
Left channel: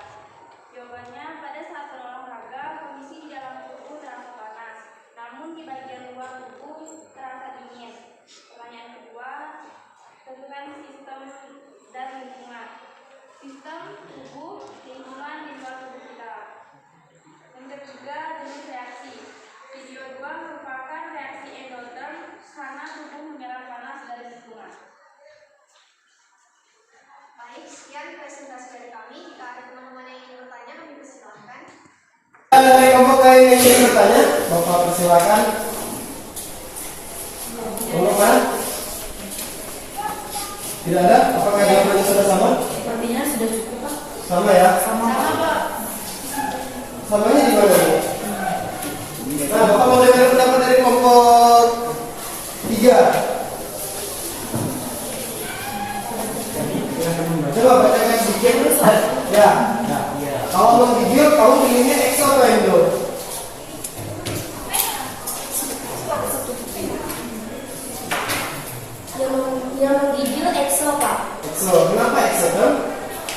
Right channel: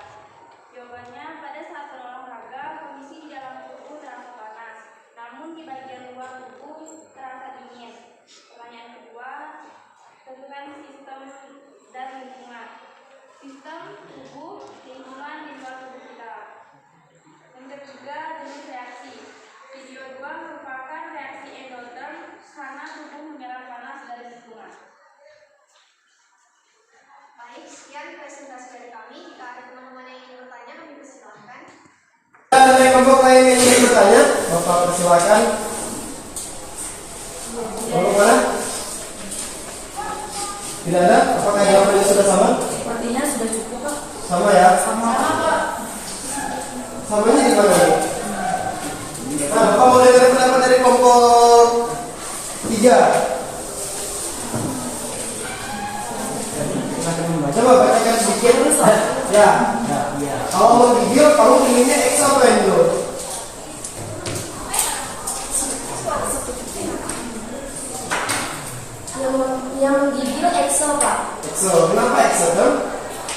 Jawabannya, pada saat berolahraga, kondisi di dalam tubuh terasa panas, namun di bagian luar tubuh terasa dingin. Pertanyaan kedua, tentukan sistem dan lingkungan. Sistem, tubuh, lingkungan di luar tubuh kita. Yang ketiga, jenis reaksi. Video 2 merupakan reaksi endotherm karena tubuh menyerap panas dari lingkungan. Baik, sekian presentasi dari kami. Jika ada teman-teman yang ingin bertanya, kami persilahkan. Ada dari kelompok lain yang ingin bertanya? Bapak persilakan. Kelompok mana? Tidak ada? Apakah jawabannya sudah sama? Sepertinya sudah cukup, Pak. Sama ya? Sama, Pak. Samanya di mana? Nah, Bapak mau dengar pendapat dari kelompok 3. Coba bacakan sedikit. Ya. Kalau mau video, kamu pilihnya X atau Endo? Yang menggigil ekso, Pak. Exo. Kenapa Exo?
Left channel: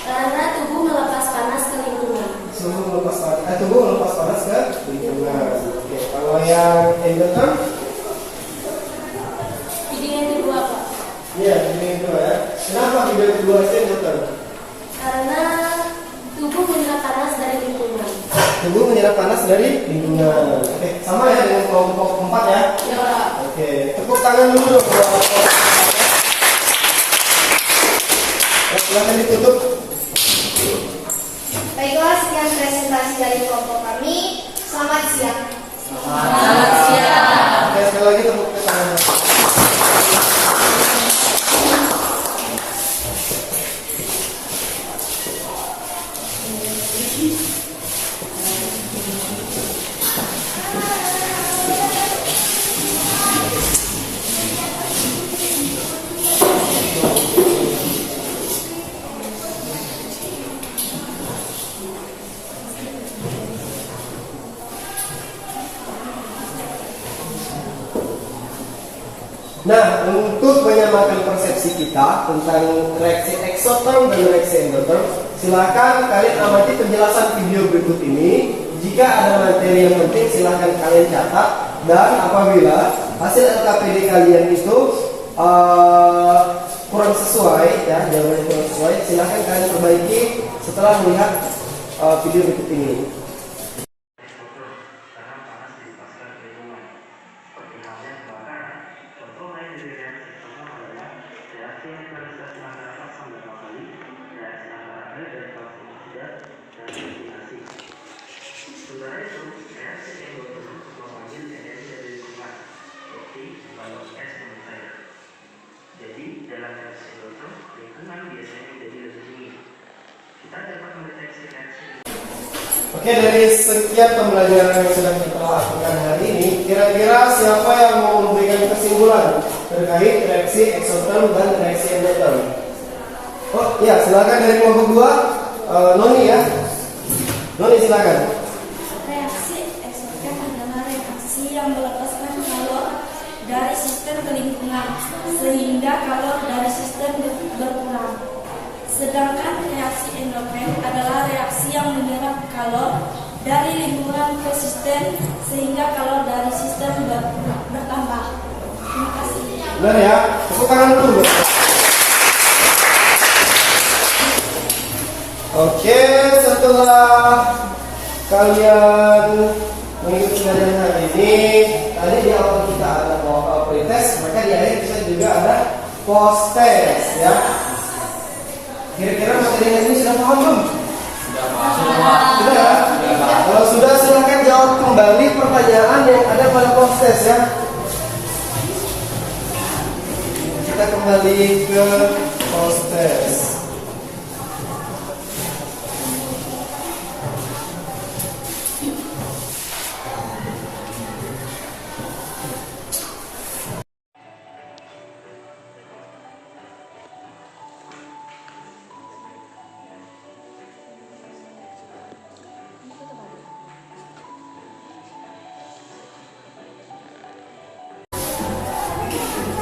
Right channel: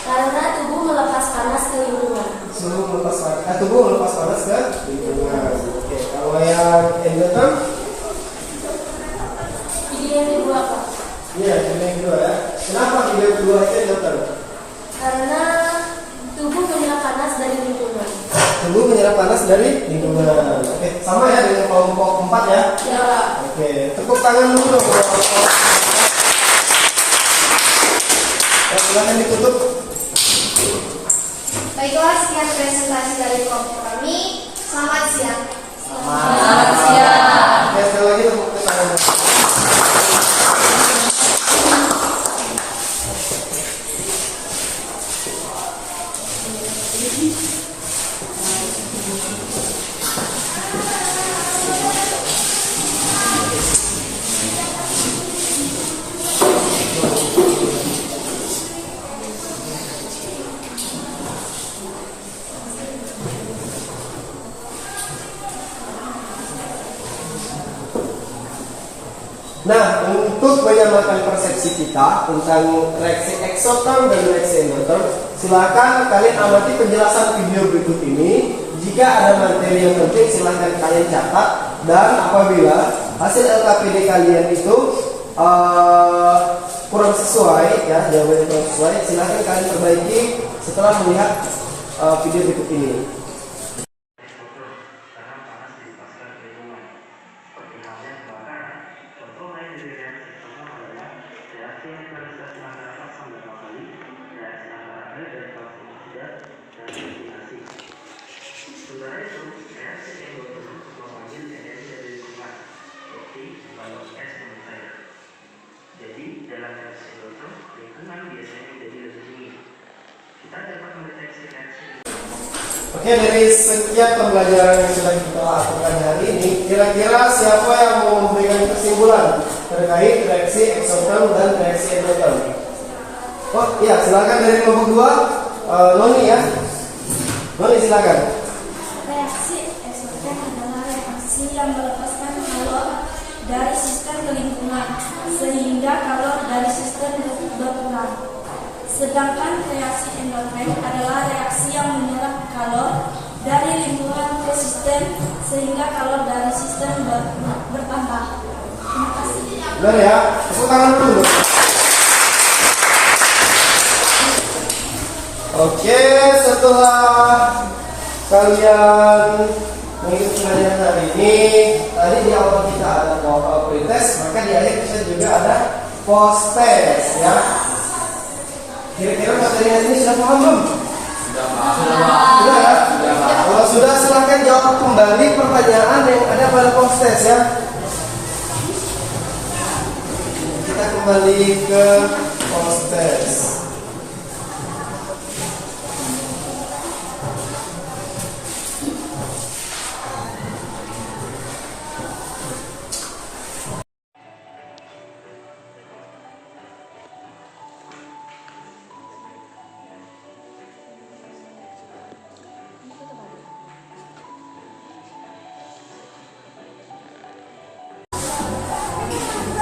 Karena tubuh melepas panas ke lingkungan. Tubuh melepas panas ke lingkungan. Oke. Kalau yang endoterm? Video yang kedua, Pak. Iya, video yang kedua ya. Kenapa video yang kedua itu endoterm? Karena tubuh menyerap panas dari lingkungan. Tubuh menyerap panas dari lingkungan. Oke, sama ya dengan kelompok 4 ya. Ya, Pak. Oke, tepuk tangan dulu dong. Silakan ditutup. Baiklah, sekian presentasi dari kelompok kami. Selamat siang. Oke, sekali lagi tepuk tangan. Nah, untuk menyamakan persepsi kita tentang reaksi eksoterm dan reaksi endotherm, silakan kalian amati penjelasan video berikut ini. Jika ada materi yang penting, silakan kalian catat. Dan apabila hasil LKPD kalian itu kurang sesuai, ya jawabannya kurang sesuai, silakan kalian perbaiki setelah melihat video berikut ini. Sementara itu, reaksi endotherm memanggil energi dari lingkungan, seperti balon es mencair. Jadi, dalam reaksi endotherm, lingkungan biasanya menjadi lebih dingin. Kita dapat mendeteksi reaksi. Oke, dari sekian pembelajaran yang sudah kita lakukan hari ini, kira-kira siapa yang mau memberikan kesimpulan terkait reaksi eksoterm dan reaksi endotherm? Oh iya, silakan dari kelompok 2, Noni ya. Noni silakan. Reaksi eksoterm adalah reaksi yang melepaskan kalor dari sistem ke lingkungan, sehingga kalor dari sistem berkurang. Sedangkan reaksi endotron adalah reaksi yang menyerap kalor dari lingkungan ke sistem sehingga kalor dari sistem bertambah. Terima kasih. Benar ya? Tepuk tangan dulu. Oke, setelah kalian mengikuti pelajaran hari ini, tadi di awal kita ada pretest, maka di akhir kita juga ada post test ya. Kira-kira materi ini sudah paham belum? Sudah ya? Kalau sudah, silahkan jawab kembali pertanyaan yang ada pada post test ya. Kita kembali ke post test.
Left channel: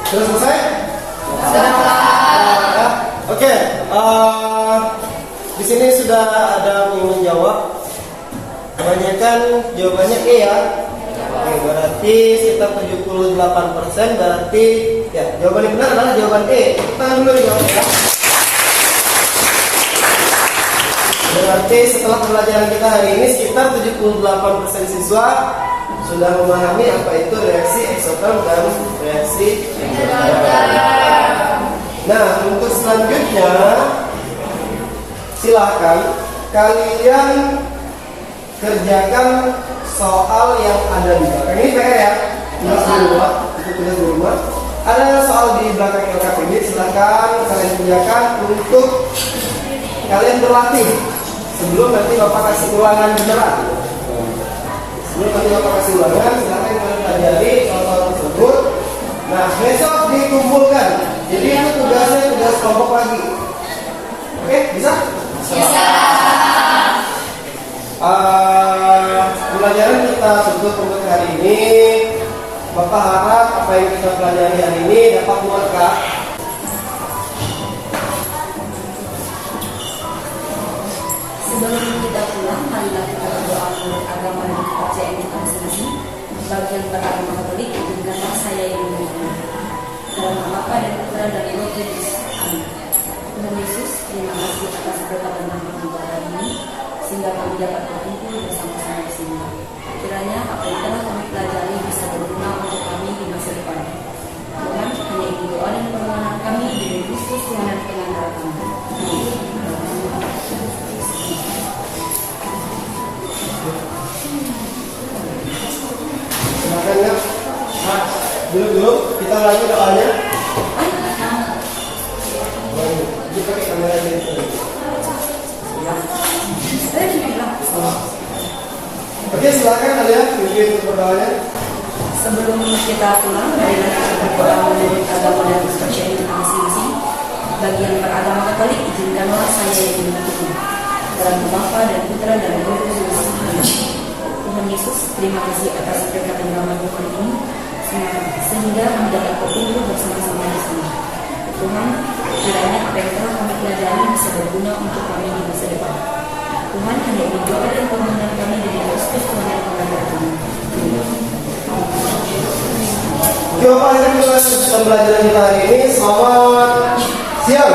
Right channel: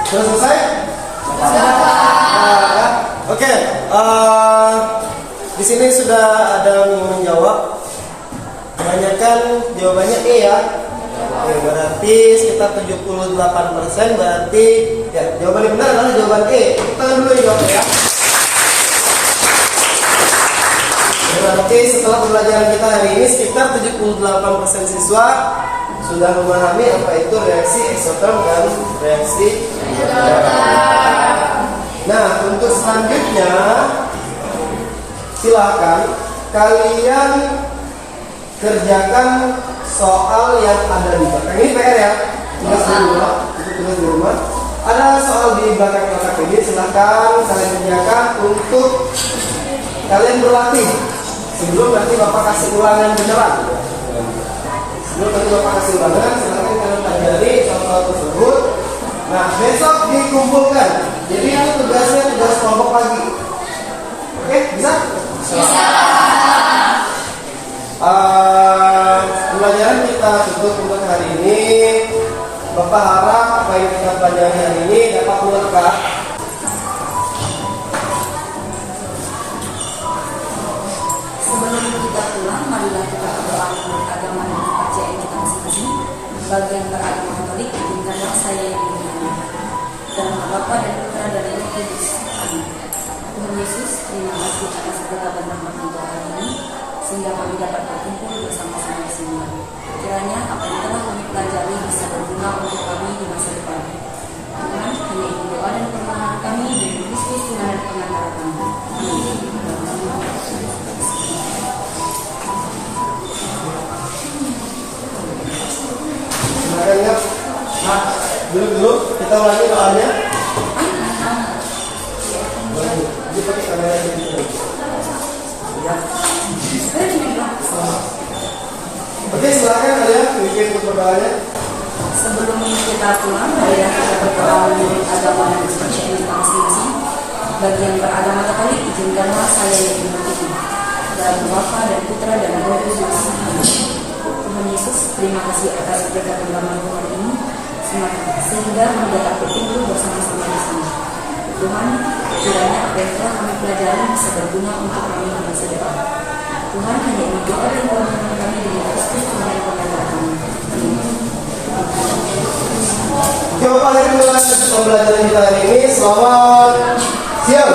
Sudah selesai? Oke, di sini sudah ada yang menjawab. Kebanyakan jawabannya E ya. Oke, berarti sekitar 78%. Berarti ya, jawaban yang benar adalah jawaban E. Kita dulu jawabnya ya. Berarti setelah pembelajaran kita hari ini sekitar 78% siswa sudah memahami apa itu reaksi eksoterm dan reaksi endotherm. Nah, untuk selanjutnya silakan kalian kerjakan soal yang ada di belakang. Ini PR ya, tulis di rumah, itu tulis di rumah. Ada soal di belakang ini, silakan kalian kerjakan untuk kalian berlatih. Sebelum nanti Bapak kasih ulangan beneran. Sebelum nanti Bapak kasih ulangan, silakan kalian pelajari soal tersebut. Nah, besok dikumpulkan. Jadi itu tugasnya tugas kelompok lagi. Oke, bisa? Bisa. Pembelajaran kita tutup untuk hari ini. Bapak harap apa yang kita pelajari hari ini dapat melekat. Sebelum kita pulang, marilah kita berdoa menurut agama dan kepercayaan kita masing-masing. Bagi yang beragama Katolik, izinkanlah saya yang beragama dalam nama Bapa dan Putra dan Roh Kudus. Amin. Tuhan Yesus, terima kasih atas berkat dan rahmat untuk hari ini, sehingga kami dapat berkumpul bersama-sama di sini. Kiranya apa yang telah kami pelajari bisa berguna untuk kami di masa depan. Tuhan, hanya ibu doa dan permohonan kami demi Kristus Tuhan dan pengantara kami. Amin. Makanya, dulu kita ulangi doanya. Dia pakai kamera ini. Ya. Oke, silakan kalian pimpin untuk berdoanya. Sebelum kita pulang, marilah kita berdoa menurut agama dan kepercayaan kita masing-masing. Bagi yang beragama Katolik, izinkanlah saya yang dimengerti. Dalam nama Bapa dan Putra dan Roh Kudus. Amin. Tuhan Yesus, terima kasih atas berkat dan rahmat-Mu hari ini, sehingga kami dapat berkumpul bersama-sama di sini. Tuhan, kiranya apa yang telah kami pelajari bisa berguna untuk kami di masa depan. Tuhan, hanya ini doa dan permohonan kami dengan Kristus Tuhan dan pengantara kami. Oke, Bapak, dari pembelajaran kita hari ini, selamat siang.